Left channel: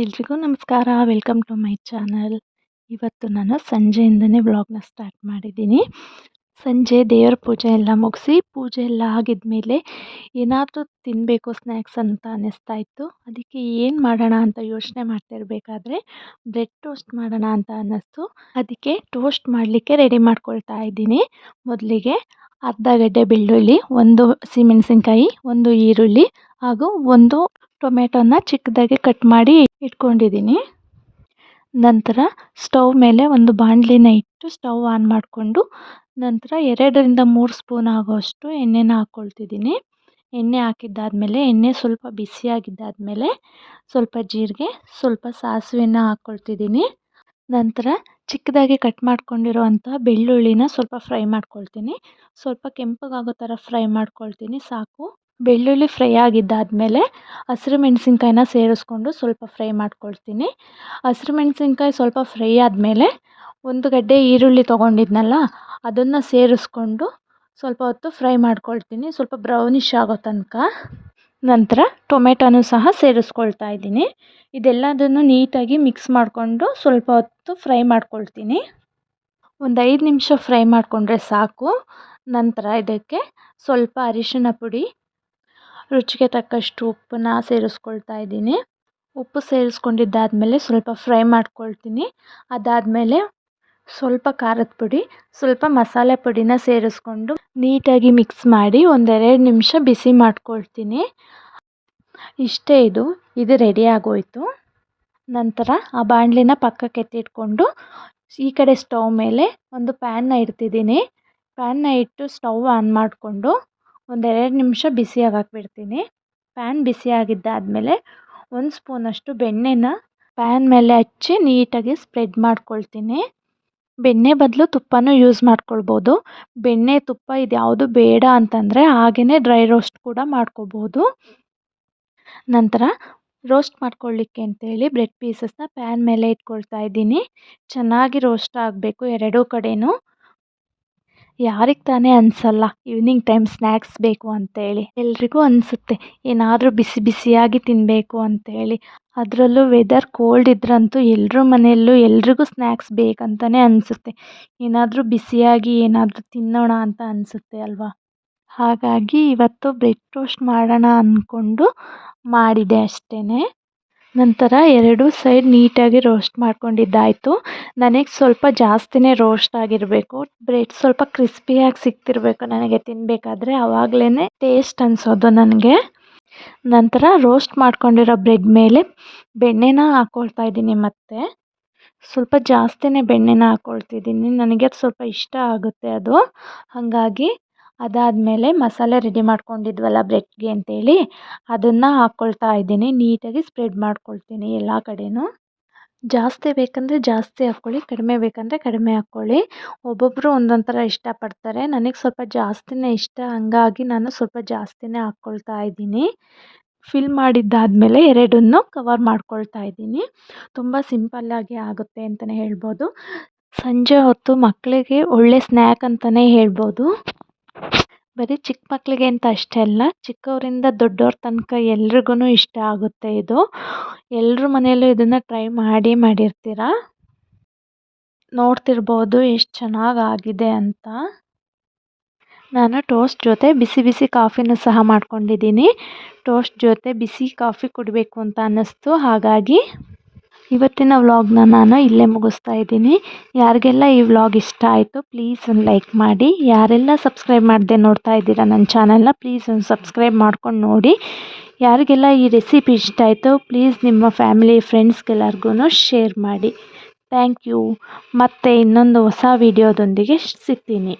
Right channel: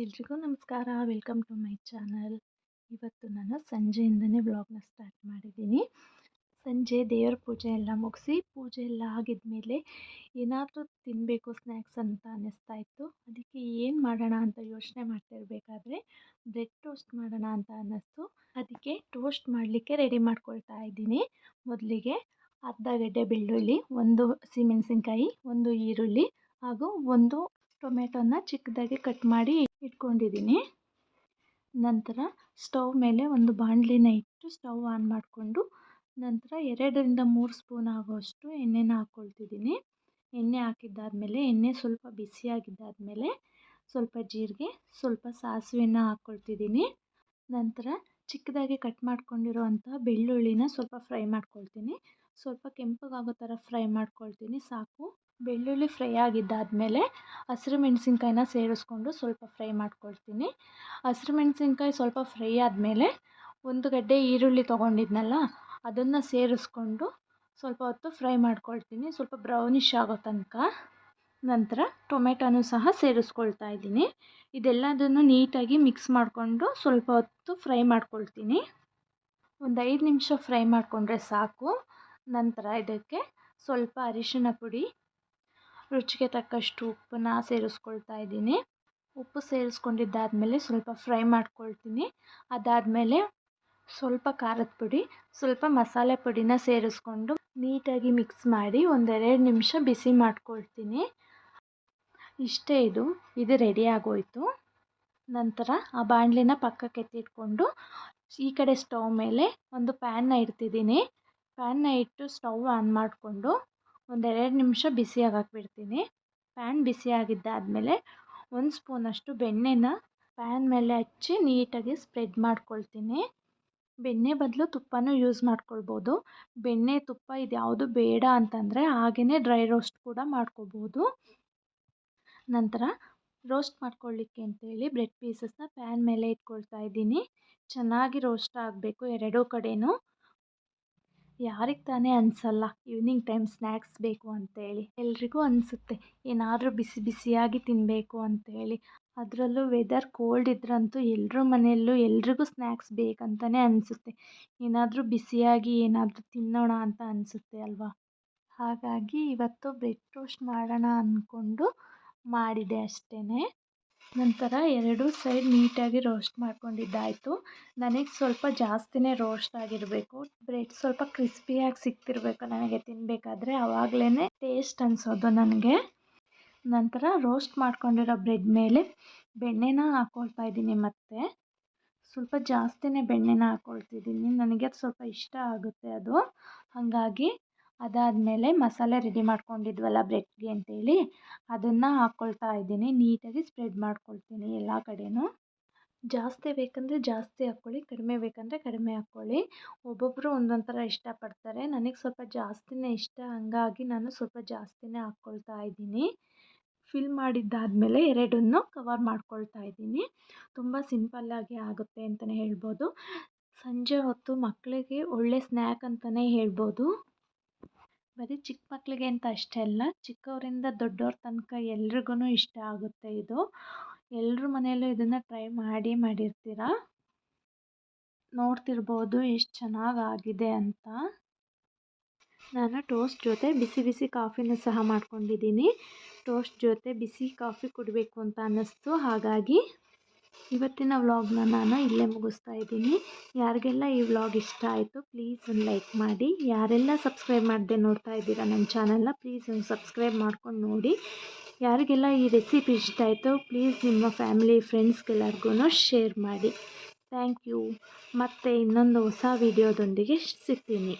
ಎಲ್ರಿಗೂ ನಮಸ್ಕಾರ. Welcome to my channel. ಇವತ್ತು ನಾನು ಸಂಜೆಯಿಂದನೇ ವ್ಲಾಗ್ನ ಸ್ಟಾರ್ಟ್ ಮಾಡಿದ್ದೀನಿ. ಸಂಜೆ ದೇವರ ಪೂಜೆ ಎಲ್ಲ ಮುಗಿಸಿ ಪೂಜೆ ಎಲ್ಲ ಆಗಿದ್ಮೇಲೆ ಏನಾದರೂ ತಿನ್ನಬೇಕು ಸ್ನ್ಯಾಕ್ಸ್ ಅಂತ ಅನ್ನಿಸ್ತಾ ಇತ್ತು. ಅದಕ್ಕೆ ಏನು ಮಾಡೋಣ ಅಂತ ಯೋಚನೆ ಮಾಡ್ತಿರ್ಬೇಕಾದ್ರೆ ಬ್ರೆಡ್ ಟೋಸ್ಟ್ ಮಾಡೋಣ ಅಂತ ಅನ್ನಿಸ್ತು. ಅದಕ್ಕೆ ಟೋಸ್ಟ್ ಮಾಡಲಿಕ್ಕೆ ರೆಡಿ ಮಾಡ್ಕೊಳ್ತಾ ಇದ್ದೀನಿ. ಮೊದಲಿಗೆ ಅರ್ಧ ಗಡ್ಡೆ ಬೆಳ್ಳುಳ್ಳಿ, ಒಂದು ಹಸಿಮೆಣಸಿನ್ಕಾಯಿ, ಒಂದು ಈರುಳ್ಳಿ ಹಾಗೂ ಒಂದು ಟೊಮೆಟೊನ ಚಿಕ್ಕದಾಗಿ ಕಟ್ ಮಾಡಿ ಇಟ್ಕೊಂಡಿದ್ದೀನಿ. ನಂತರ ಸ್ಟವ್ ಮೇಲೆ ಒಂದು ಬಾಣಲಿನ ಇಟ್ಟು ಸ್ಟವ್ ಆನ್ ಮಾಡಿಕೊಂಡು ನಂತರ 2ರಿಂದ 3 ಸ್ಪೂನ್ ಆಗೋಷ್ಟು ಎಣ್ಣೆನ ಹಾಕ್ಕೊಳ್ತಿದ್ದೀನಿ. ಎಣ್ಣೆ ಹಾಕಿದ್ದಾದಮೇಲೆ ಎಣ್ಣೆ ಸ್ವಲ್ಪ ಬಿಸಿಯಾಗಿದ್ದಾದಮೇಲೆ ಸ್ವಲ್ಪ ಜೀರಿಗೆ, ಸ್ವಲ್ಪ ಸಾಸಿವೆನ ಹಾಕ್ಕೊಳ್ತಿದ್ದೀನಿ. ನಂತರ ಚಿಕ್ಕದಾಗಿ ಕಟ್ ಮಾಡ್ಕೊಂಡಿರೋವಂಥ ಬೆಳ್ಳುಳ್ಳಿನ ಸ್ವಲ್ಪ ಫ್ರೈ ಮಾಡ್ಕೊಳ್ತೀನಿ. ಸ್ವಲ್ಪ ಕೆಂಪಗಾಗೋ ಥರ ಫ್ರೈ ಮಾಡ್ಕೊಳ್ತೀನಿ ಸಾಕು. ಬೆಳ್ಳುಳ್ಳಿ ಫ್ರೈ ಆಗಿದ್ದಾದಮೇಲೆ ಹಸಿರು ಮೆಣಸಿನ್ಕಾಯಿನ ಸೇರಿಸ್ಕೊಂಡು ಸ್ವಲ್ಪ ಫ್ರೈ ಮಾಡ್ಕೊಳ್ತೀನಿ. ಹಸಿರು ಮೆಣಸಿನ್ಕಾಯಿ ಸ್ವಲ್ಪ ಫ್ರೈ ಆದಮೇಲೆ ಒಂದು ಗಡ್ಡೆ ಈರುಳ್ಳಿ ತೊಗೊಂಡಿದ್ನಲ್ಲ ಅದನ್ನು ಸೇರಿಸ್ಕೊಂಡು ಸ್ವಲ್ಪ ಹೊತ್ತು ಫ್ರೈ ಮಾಡ್ಕೊಳ್ತೀನಿ, ಸ್ವಲ್ಪ ಬ್ರೌನಿಷ್ ಆಗೋ ತನಕ. ನಂತರ ಟೊಮೆಟೊನೂ ಸಹ ಸೇರಿಸ್ಕೊಳ್ತಾ ಇದ್ದೀನಿ. ಇದೆಲ್ಲದನ್ನು ನೀಟಾಗಿ ಮಿಕ್ಸ್ ಮಾಡಿಕೊಂಡು ಸ್ವಲ್ಪ ಹೊತ್ತು ಫ್ರೈ ಮಾಡ್ಕೊಳ್ತೀನಿ. ಒಂದು 5 ನಿಮಿಷ ಫ್ರೈ ಮಾಡಿಕೊಂಡ್ರೆ ಸಾಕು. ನಂತರ ಇದಕ್ಕೆ ಸ್ವಲ್ಪ ಅರಿಶಿಣ ಪುಡಿ, ರುಚಿಗೆ ತಕ್ಕಷ್ಟು ಉಪ್ಪನ್ನ ಸೇರಿಸ್ಕೊಳ್ತಾ ಇದ್ದೀನಿ. ಉಪ್ಪು ಸೇರಿಸ್ಕೊಂಡಿದ್ದಾದಮೇಲೆ ಸ್ವಲ್ಪ ಫ್ರೈ ಮಾಡ್ಕೊಳ್ತೀನಿ. ಅದಾದಮೇಲೆ ಸ್ವಲ್ಪ ಖಾರದ ಪುಡಿ, ಸ್ವಲ್ಪ ಮಸಾಲೆ ಪುಡಿನ ಸೇರಿಸ್ಕೊಂಡು ನೀಟಾಗಿ ಮಿಕ್ಸ್ ಮಾಡಿ 1-2 ನಿಮಿಷ ಬಿಸಿ ಮಾಡ್ಕೊಳ್ತೀನಿ. ಇಷ್ಟೇ, ಇದು ರೆಡಿ ಆಗೋಯಿತು. ನಂತರ ಆ ಬಾಣಲಿನ ಪಕ್ಕಕ್ಕೆ ಎತ್ತಿಟ್ಕೊಂಡು ಈ ಕಡೆ ಸ್ಟವ್ ಮೇಲೆ ಒಂದು ಪ್ಯಾನ್ನ ಇಡ್ತಿದ್ದೀನಿ. ಪ್ಯಾನ್ನ ಇಟ್ಟು ಸ್ಟವ್ ಆನ್ ಮಾಡಿಕೊಂಡು 1-2 ನಿಮಿಷ ಬಿಸಿಯಾಗಕ್ಕೆ ಬಿಡ್ತೀನಿ. ಪ್ಯಾನ್ ಬಿಸಿಯಾಗಿದ್ದಾದಮೇಲೆ 1 ಸ್ಪೂನಷ್ಟು ಬೆಣ್ಣೆನ ಪ್ಯಾನ್ ಮೇಲೆ ಹಚ್ಚಿ ನೀಟಾಗಿ ಸ್ಪ್ರೆಡ್ ಮಾಡ್ಕೊಳ್ತೀನಿ. ಬೆಣ್ಣೆ ಬದಲು ತುಪ್ಪನೂ ಯೂಸ್ ಮಾಡ್ಕೊಳ್ಬೋದು. ಬೆಣ್ಣೆ, ತುಪ್ಪ ಇದ್ಯಾವುದು ಬೇಡ ಅಂತಂದರೆ ಹಾಗೆಯೇ ಡ್ರೈ ರೋಸ್ಟ್ ಕೂಡ ಮಾಡ್ಕೋಬೋದು. ನಂತರ ರೋಸ್ಟ್ ಮಾಡ್ಕೊಳ್ಳಿಕ್ಕೆ ಅಂತೇಳಿ ಬ್ರೆಡ್ ಪೀಸಸ್ನ ಪ್ಯಾನ್ ಮೇಲೆ ಇಟ್ಕೊಳ್ತಾ ಇದ್ದೀನಿ. ಚೆನ್ನಾಗಿ ರೋಸ್ಟ್ ಆಗಬೇಕು ಎರಡೂ ಕಡೆಯೂ. ಯಾರಿಗೆ ತಾನೇ ಅನಿಸಲ್ಲ ಈವ್ನಿಂಗ್ ಟೈಮ್ ಸ್ನ್ಯಾಕ್ಸ್ ಬೇಕು ಅಂತೇಳಿ. ಎಲ್ರಿಗೂ ಅನಿಸುತ್ತೆ ಏನಾದರೂ ಬಿಸಿ ಬಿಸಿಯಾಗಿ ತಿನ್ನಬೇಕು ಅಂತೇಳಿ. ಅದರಲ್ಲೂ ವೆದರ್ ಕೋಲ್ಡ್ ಇದ್ರಂತೂ ಎಲ್ಲರ ಮನೆಯಲ್ಲೂ ಎಲ್ರಿಗೂ ಸ್ನ್ಯಾಕ್ಸ್ ಬೇಕಂತಲೇ ಅನಿಸುತ್ತೆ. ಏನಾದರೂ ಬಿಸಿಯಾಗಿ ಏನಾದರೂ ತಿನ್ನೋಣ ಅಂತ ಅನಿಸುತ್ತೆ ಅಲ್ವಾ. ಹಾಗಾಗಿ ಇವತ್ತು ಬ್ರೆಡ್ ಟೋಸ್ಟ್ ಮಾಡೋಣ ಅಂದ್ಕೊಂಡು ಮಾಡಿದೆ ಅಷ್ಟೇ. ನಂತರ 2 ಸೈಡ್ ನೀಟಾಗಿ ರೋಸ್ಟ್ ಮಾಡ್ಕೊಂಡಿದ್ದಾಯಿತು. ನನಗೆ ಸ್ವಲ್ಪ ಜಾಸ್ತಿನೇ ರೋಸ್ಟ್ ಆಗಿರಬೇಕು. ಬ್ರೆಡ್ ಸ್ವಲ್ಪ ಕ್ರಿಸ್ಪಿಯಾಗಿ ಸಿಗ್ತಿರಬೇಕು ನನಗೆ ತಿನ್ನಬೇಕಾದ್ರೆ, ಆವಾಗಲೇ ಟೇಸ್ಟ್ ಅನಿಸೋದು ನನಗೆ. ನಂತರ ರೋಸ್ಟ್ ಮಾಡ್ಕೊಂಡಿರೋ ಬ್ರೆಡ್ ಮೇಲೆ ಬೆಣ್ಣೆನ ಹಾಕ್ಕೊಳ್ತಾ ಇದ್ದೀನಿ. ಮತ್ತು ಸ್ವಲ್ಪ ಜಾಸ್ತಿನೇ ಬೆಣ್ಣೆನ ಹಾಕ್ಕೊಳ್ತಿದ್ದೀನಿ, ನನಗೆ ಅದು ಸ್ವಲ್ಪ ಇಷ್ಟ ಆಗುತ್ತೆ ಅದು. ಹಾಗಾಗಿ ಅದಾದಮೇಲೆ ಮಸಾಲೆ ರೆಡಿ ಮಾಡ್ಕೊಂಡಿದ್ವಲ್ಲ ಬ್ರೆಡ್ಗೆ ಅಂತೇಳಿ ಅದನ್ನು ಹಾಕ್ಕೊಳ್ತಾ ಇದ್ದೀನಿ. ನೀಟಾಗಿ ಸ್ಪ್ರೆಡ್ ಮಾಡ್ಕೊಳ್ತೀನಿ ಎಲ್ಲ ಕಡೆಯೂ. ಜಾಸ್ತಿ ಬೇಕಂದರೆ ಜಾಸ್ತಿ ಹಾಕ್ಕೊಳ್ಳಿ, ಕಡಿಮೆ ಬೇಕಂದರೆ ಕಡಿಮೆ ಹಾಕ್ಕೊಳ್ಳಿ. ಒಬ್ಬೊಬ್ಬರು ಒಂದೊಂದು ಥರ ಇಷ್ಟಪಡ್ತಾರೆ. ನನಗೆ ಸ್ವಲ್ಪ ಜಾಸ್ತಿನೇ ಇಷ್ಟ, ಹಾಗಾಗಿ ನಾನು ಸ್ವಲ್ಪ ಜಾಸ್ತಿನೇ ಹಾಕ್ಕೊಳ್ತಾ ಇದ್ದೀನಿ. ಫಿಲ್ ಮಾಡಿದ್ದಾದಮೇಲೆ 2ನ್ನು ಕವರ್ ಮಾಡ್ಕೊಳ್ತಾ ಇದ್ದೀನಿ. ತುಂಬ ಸಿಂಪಲ್ಲಾಗಿ ಆಗುತ್ತೆ ಅಂತಲೇ ಹೇಳ್ಬೋದು. ಸಂಜೆ ಹೊತ್ತು ಮಕ್ಕಳಿಗೆ ಒಳ್ಳೆ ಸ್ನ್ಯಾಕ್ ಅಂತಲೇ ಹೇಳ್ಬೋದು. ಬರೀ ಚಿಕ್ಕ ಮಕ್ಕಳಿಗೆ ಅಂತ ಅಷ್ಟೇ ಅಲ್ಲ, ಚಿಕ್ಕವರಿಂದ ದೊಡ್ಡವ್ರ ತನಕ ಎಲ್ರಿಗೂ ಇಷ್ಟ ಆಗುತ್ತೆ ಇದು. ಎಲ್ಲರ ಮನೆಯಲ್ಲೂ ಇದನ್ನು ಟ್ರೈ ಮಾಡಿರ್ತೀರ. ನೋಡ್ತಿರ್ಬೋದು ಎಷ್ಟು ಚೆನ್ನಾಗಾಗಿದೆ ಅಂತ. ನಾನು ಟೋಸ್ಟ್ ಜೊತೆ ಬಿಸಿ ಬಿಸಿ ಕಾಫಿನೂ ಸಹ ಮಾಡ್ಕೊಂಡಿದ್ದೀನಿ. ಟೋಸ್ಟ್ ಜೊತೆ ಬಿಸಿ ಕಾಫಿ ಕುಡಿಬೇಕು ಅಂತ ಅನ್ನಿಸ್ತು. ಹಾಗಾಗಿ ಇವತ್ತಿನ ವ್ಲಾಗ್ನ ನಾನು ಇಲ್ಲೇ ಮುಗಿಸ್ತಾ ಇದ್ದೀನಿ. ಯಾರಿಗೆಲ್ಲ ಈ ವ್ಲಾಗ್ ಇಷ್ಟ ಆಯಿತು ಪ್ಲೀಸ್ ಒಂದು ಲೈಕ್ ಮಾಡಿ. ಯಾರೆಲ್ಲ ಸಬ್ಸ್ಕ್ರೈಬ್ ಮಾಡದೆ ನೋಡ್ತಾ ಇದ್ದೀರಾ ನನ್ನ ಚಾನಲ್ನ ಪ್ಲೀಸ್ ಒಂದು ಸಬ್ಸ್ಕ್ರೈಬ್ ಮಾಡ್ಕೊಂಡು ನೋಡಿ. ಯಾರಿಗೆಲ್ಲ ಈ ರೆಸಿಪಿ ಇಷ್ಟ ಆಯಿತು ಪ್ಲೀಸ್ ನಿಮ್ಮ ಫ್ಯಾಮಿಲಿ ಫ್ರೆಂಡ್ಸ್ಗೆಲ್ಲರಿಗೂ ಶೇರ್ ಮಾಡಿ. Thank you. ಮತ್ತೆ ಇನ್ನೊಂದು ಹೊಸ ವಿಡಿಯೋದೊಂದಿಗೆ ಸಿಗ್ತೀನಿ.